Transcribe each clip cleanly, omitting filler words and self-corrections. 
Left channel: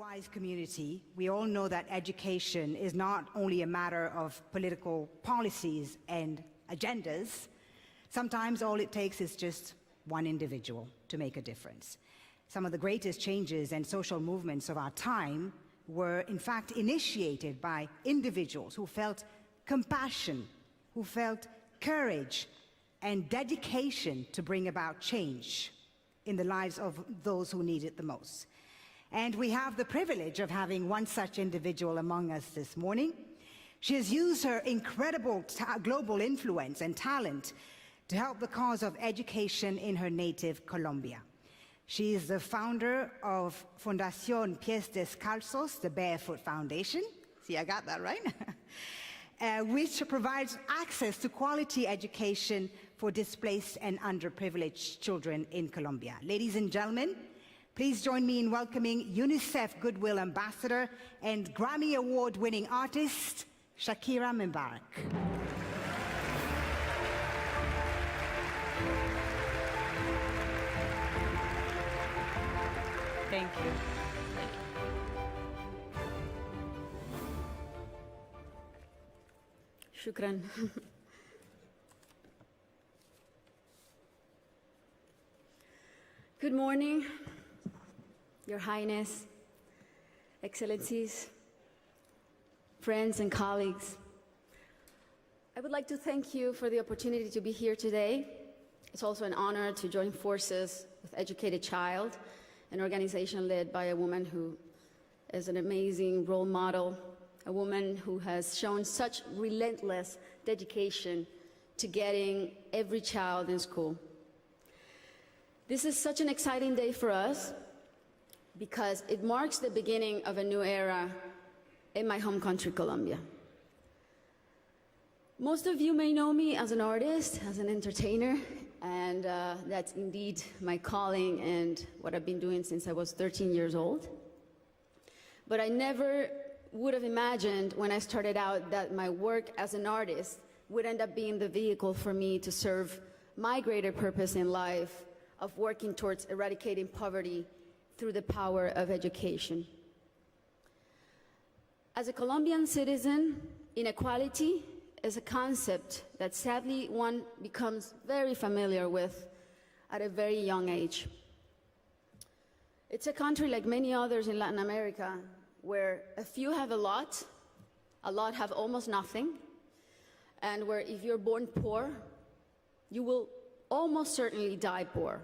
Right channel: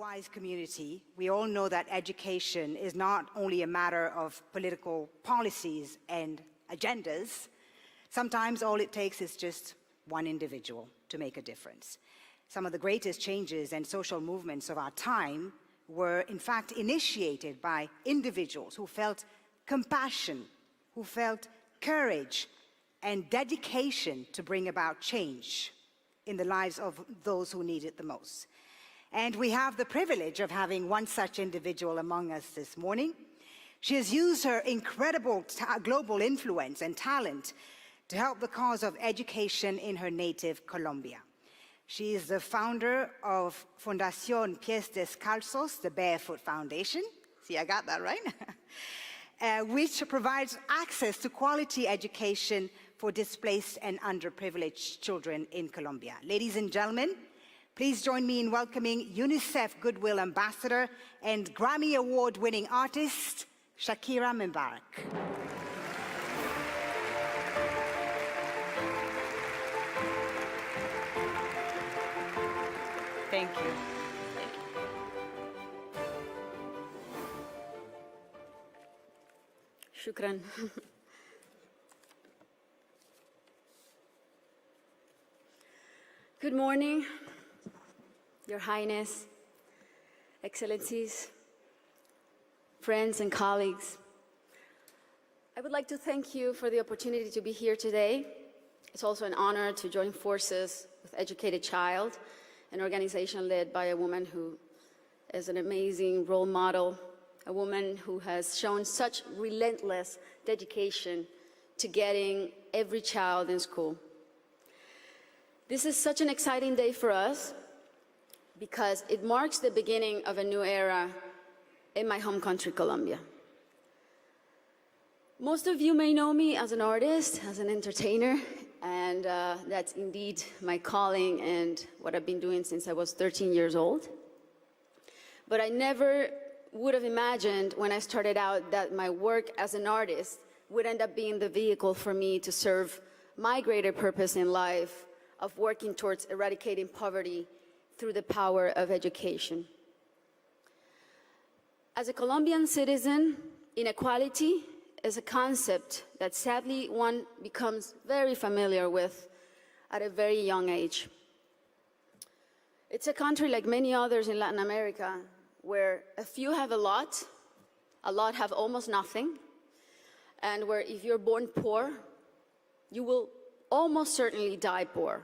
Wise community, we all know that education is not only a matter of political policies and agendas. Sometimes all it takes is just one individual to make a difference. Some of the greatest changes and social movements of our time were in fact initiated by individuals who felt compassion, who felt courage and dedication to bring about change in the lives of those who need it the most. And we have the privilege of having one such individual among us this morning. She has used her incredible global influence and talent to help the cause of education in her native Colombia. She is the founder of Fundación Pies Descalzos, the Barefoot Foundation. See, I got that right. Which provides access to quality education for displaced and underprivileged children in Colombia. Ladies and gentlemen, please join me in welcoming UNICEF Goodwill Ambassador and Grammy Award-winning artist, Shakira Mubarak. Thank you. Shukran. Good morning, Your Highness, Excellencies, friends and colleagues. I would like to thank you for the opportunity to be here today. It's also an honor to join forces with Educated Child, an organization led by a woman who is an amazing role model, a woman who has shown such relentless dedication to getting every child in school. This is such an exciting day for us because it marks the beginning of a new era in my home country, Colombia. Most of you may know me as an artist, as an entertainer, and that's indeed my calling and what I've been doing since I was 13 years old. But I never would have imagined when I started out that my work as an artist would end up being the vehicle for me to serve my greater purpose in life of working towards eradicating poverty through the power of education. As a Colombian citizen, inequality is a concept that sadly one becomes very familiar with at a very young age. It's a country like many others in Latin America where a few have a lot have almost nothing, and where if you're born poor, you will almost certainly die poor,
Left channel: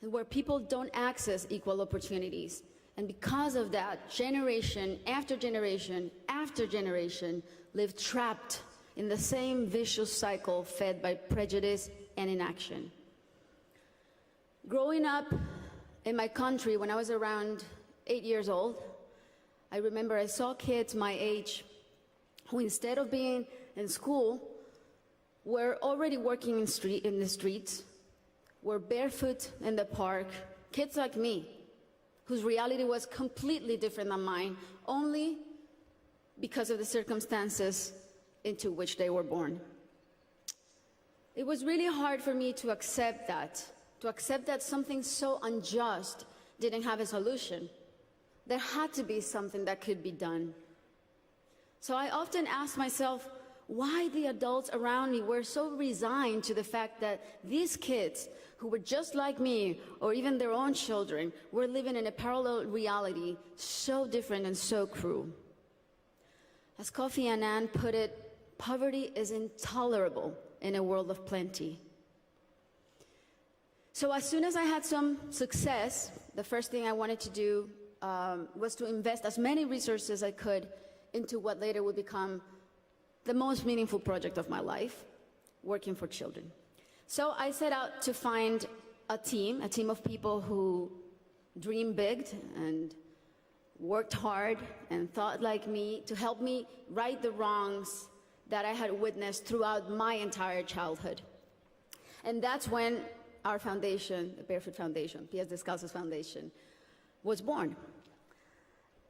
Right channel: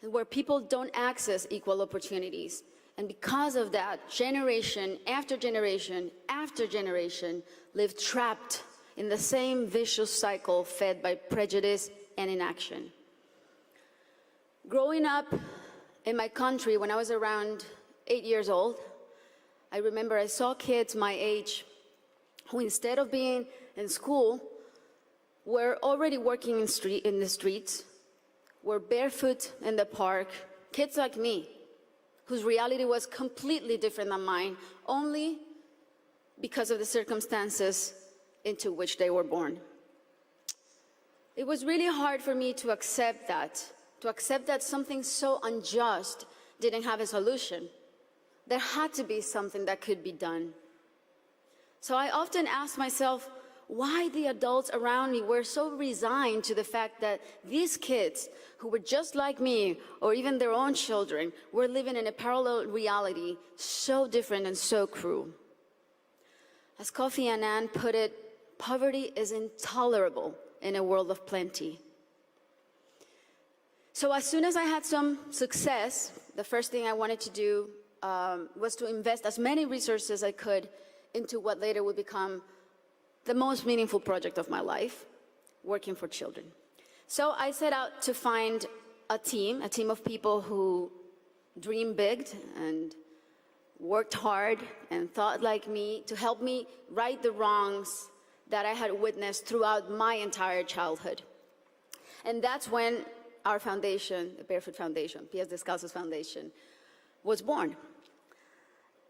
and where people don't access equal opportunities. And because of that, generation after generation after generation live trapped in the same vicious cycle fed by prejudice and inaction. Growing up in my country when I was around 8 years old, I remember I saw kids my age who, instead of being in school, were already working in the streets, were barefoot in the park, kids like me, whose reality was completely different than mine, only because of the circumstances into which they were born. It was really hard for me to accept that something so unjust didn't have a solution. There had to be something that could be done. So I often asked myself why the adults around me were so resigned to the fact that these kids, who were just like me, or even their own children, were living in a parallel reality so different and so cruel. As Kofi Annan put it, poverty is intolerable in a world of plenty. So as soon as I had some success, the first thing I wanted to do was to invest as many resources as I could into what later would become the most meaningful project of my life, working for children. So I set out to find a team of people who dreamed big and worked hard and thought like me to help me right the wrongs that I had witnessed throughout my entire childhood. And that's when our foundation, the Barefoot Foundation, Pies Descalzos Foundation, was born.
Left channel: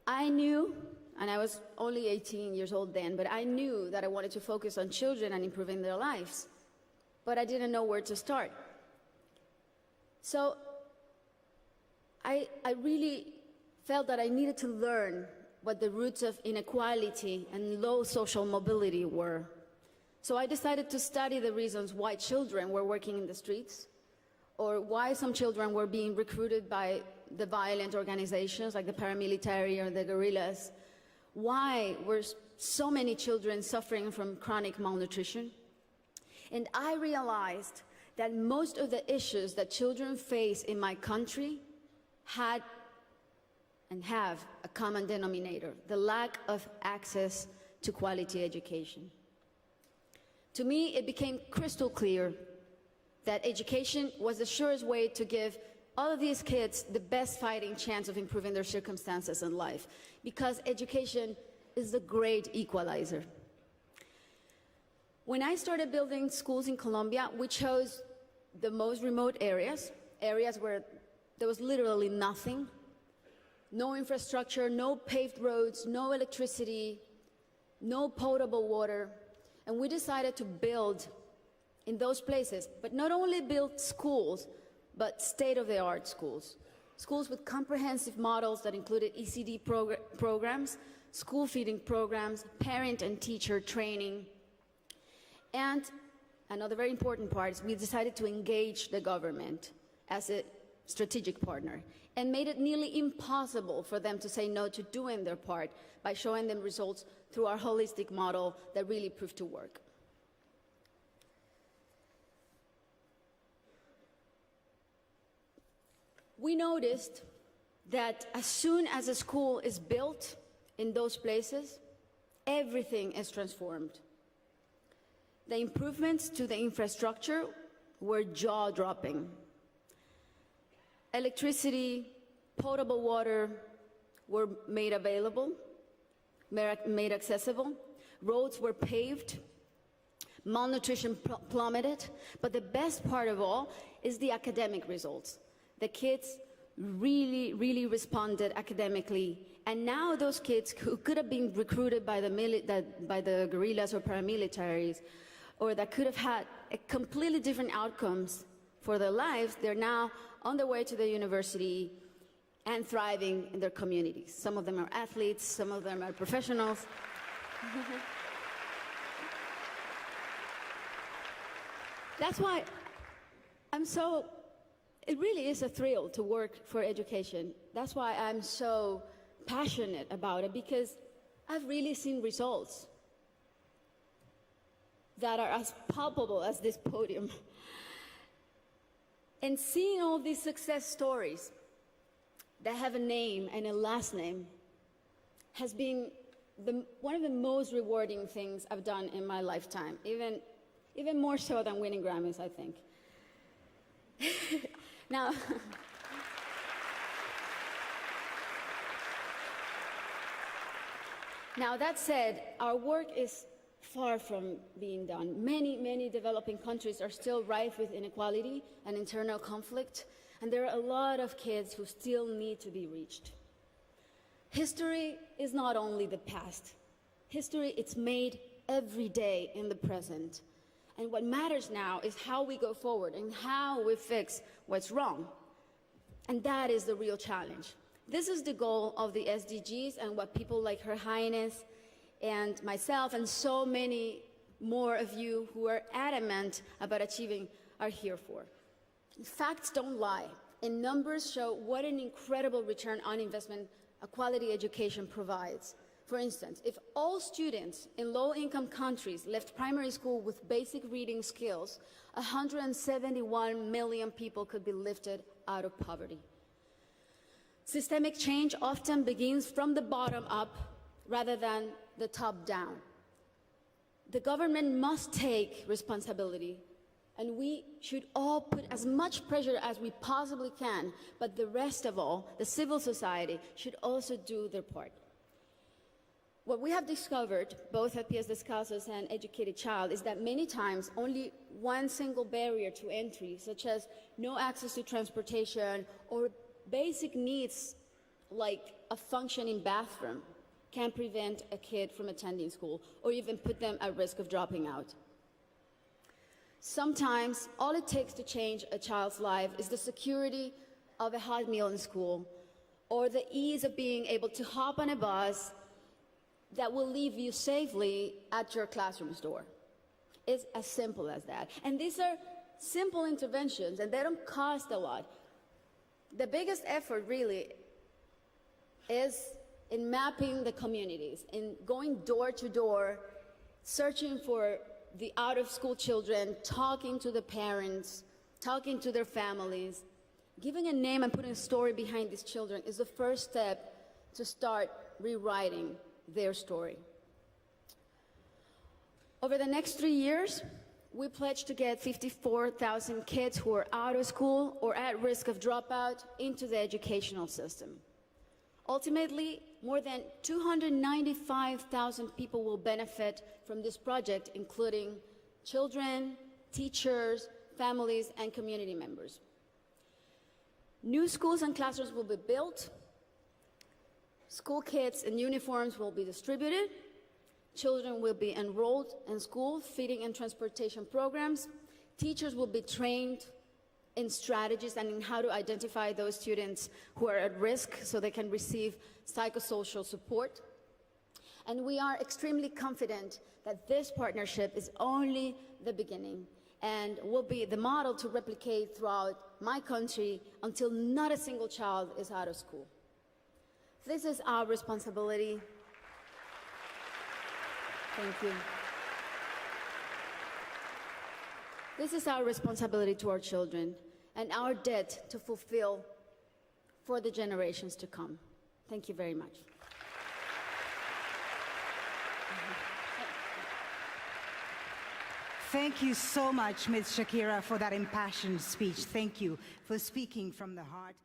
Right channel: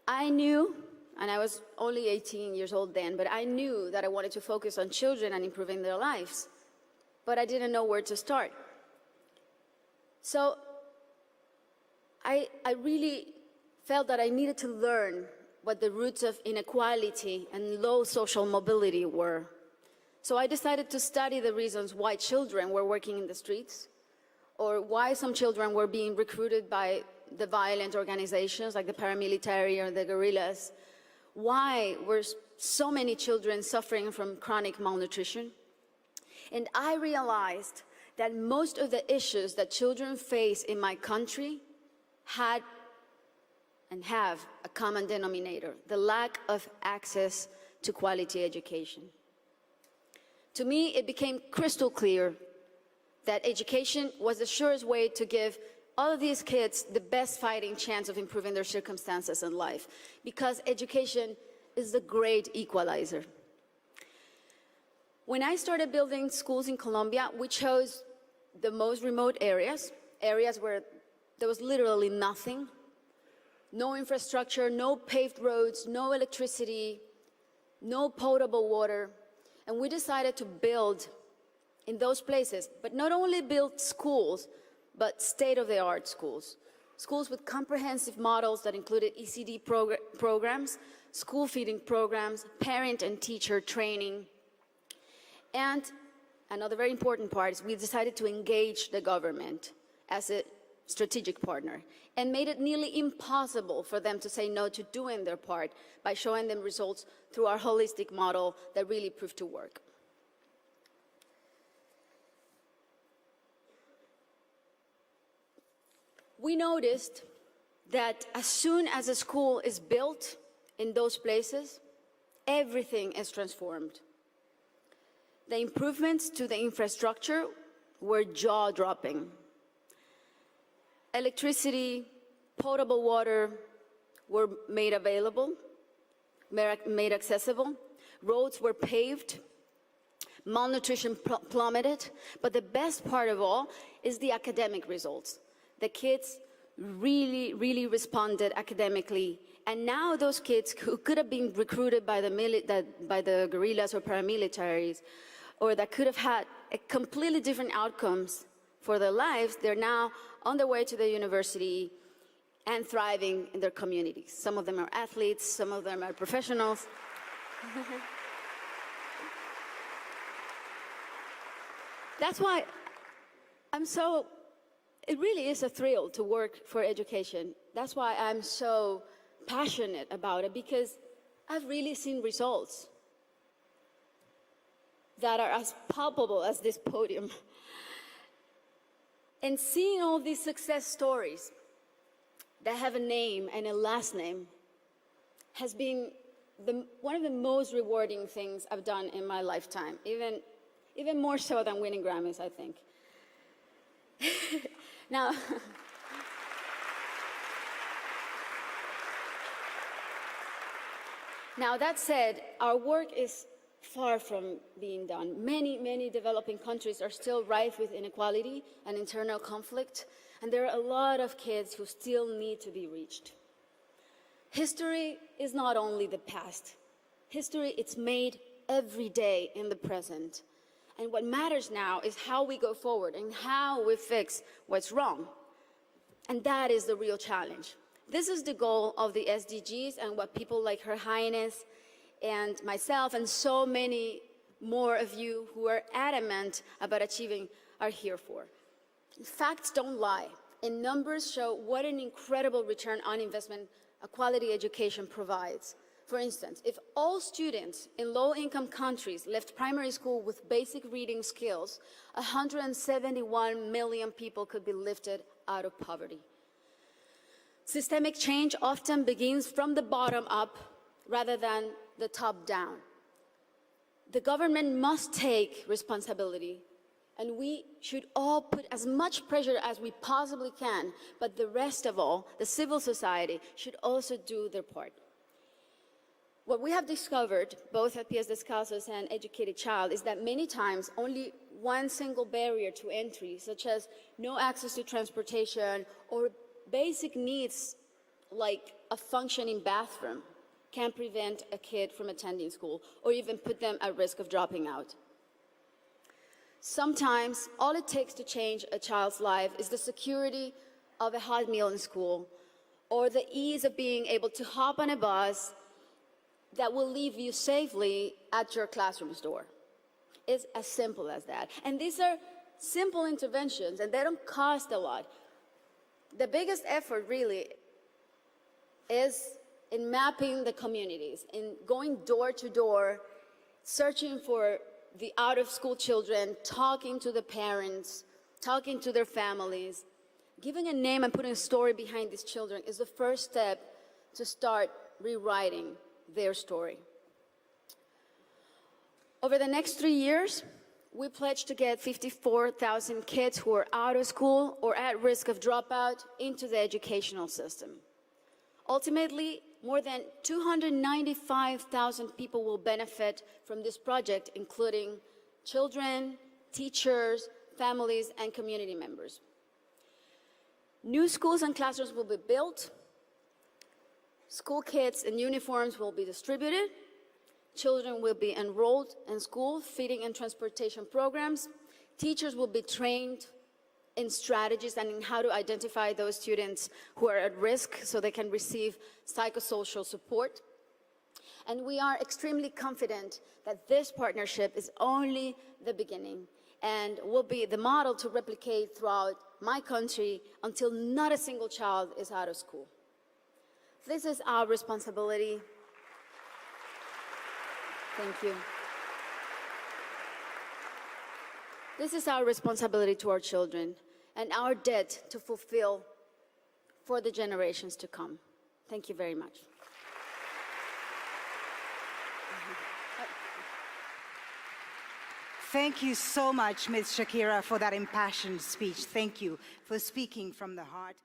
I knew, and I was only 18 years old then, but I knew that I wanted to focus on children and improving their lives, but I didn't know where to start. So I really felt that I needed to learn what the roots of inequality and low social mobility were. So I decided to study the reasons why children were working in the streets, or why some children were being recruited by the violent organizations like the paramilitary or the guerrillas. Why were so many children suffering from chronic malnutrition? And I realized that most of the issues that children face in my country had and have a common denominator: the lack of access to quality education. To me, it became crystal clear that education was the surest way to give all of these kids the best fighting chance of improving their circumstances in life, because education is the great equalizer. When I started building schools in Colombia, we chose the most remote areas where there was literally nothing, no infrastructure, no paved roads, no electricity, no potable water. And we decided to build in those places, but not only build schools, but state-of-the-art schools. Schools with comprehensive models that included ECD programs, school feeding programs, parent and teacher training. And another very important part is we decided to engage the government as a strategic partner, and made it nearly impossible for them to say no to doing their part by showing them results through our holistic model that really proved to work. We noticed that as soon as a school is built in those places, everything is transformed. The improvements to the infrastructure were jaw-dropping. Electricity, potable water were made available, made accessible. Roads were paved. Malnutrition plummeted. But the best part of all is the academic results. The kids really responded academically. And now those kids who could have been recruited by the guerrillas or paramilitaries, or that could have had a completely different outcomes for their lives, they're now on their way to the university and thriving in their communities. Some of them are athletes, some of them are professionals. That's why it really is a thrill to work for education. That's why I'm so passionate about it, because I've really seen results that are as palpable as this podium. And seeing all these success stories that have a name and a last name has been one of the most rewarding things I've done in my lifetime, even more so than winning Grammys, I think. Now, that said, our work is far from being done. Many developing countries are still rife with inequality and internal conflict, and there are a lot of kids who still need to be reached. History is not only the past. History, it's made every day in the present. And what matters now is how we go forward and how we fix what's wrong. And that is the real challenge. This is the goal of the SDGs and what people like Her Highness and myself and so many more of you who are adamant about achieving are here for. Facts don't lie, and numbers show what an incredible return on investment a quality education provides. For instance, if all students in low-income countries left primary school with basic reading skills, 171 million people could be lifted out of poverty. Systemic change often begins from the bottom up rather than the top down. The government must take responsibility, and we should all put as much pressure as we possibly can, but the rest of all, the civil society, should also do their part. What we have discovered, both at PS Descalzos and Educated Child, is that many times only one single barrier to entry, such as no access to transportation or basic needs like a functioning bathroom, can prevent a kid from attending school or even put them at risk of dropping out. Sometimes all it takes to change a child's life is the security of a hot meal in school, or the ease of being able to hop on a bus that will leave you safely at your classroom's door. It's as simple as that. And these are simple interventions, and they don't cost a lot. The biggest effort really is in mapping the communities, in going door to door, searching for the out-of-school children, talking to the parents, talking to their families. Giving a name and putting a story behind these children is the first step to start rewriting their story. Over the next 3 years, we pledge to get 54,000 kids who are out of school or at risk of dropout into the educational system. Ultimately, more than 295,000 people will benefit from this project, including children, teachers, families, and community members. New schools and classrooms will be built. School kits and uniforms will be distributed. Children will be enrolled in school, feeding and transportation programs. Teachers will be trained in strategies and in how to identify those students who are at risk so they can receive psychosocial support. And we are extremely confident that this partnership is only the beginning and will be the model to replicate throughout my country until not a single child is out of school. This is our responsibility. Thank you. This is our responsibility to our children and our debt to fulfill for the generations to come. Thank you very much. Thank you so much, Ms. Shakira, for that impassioned speech. Thank you for speaking from the heart.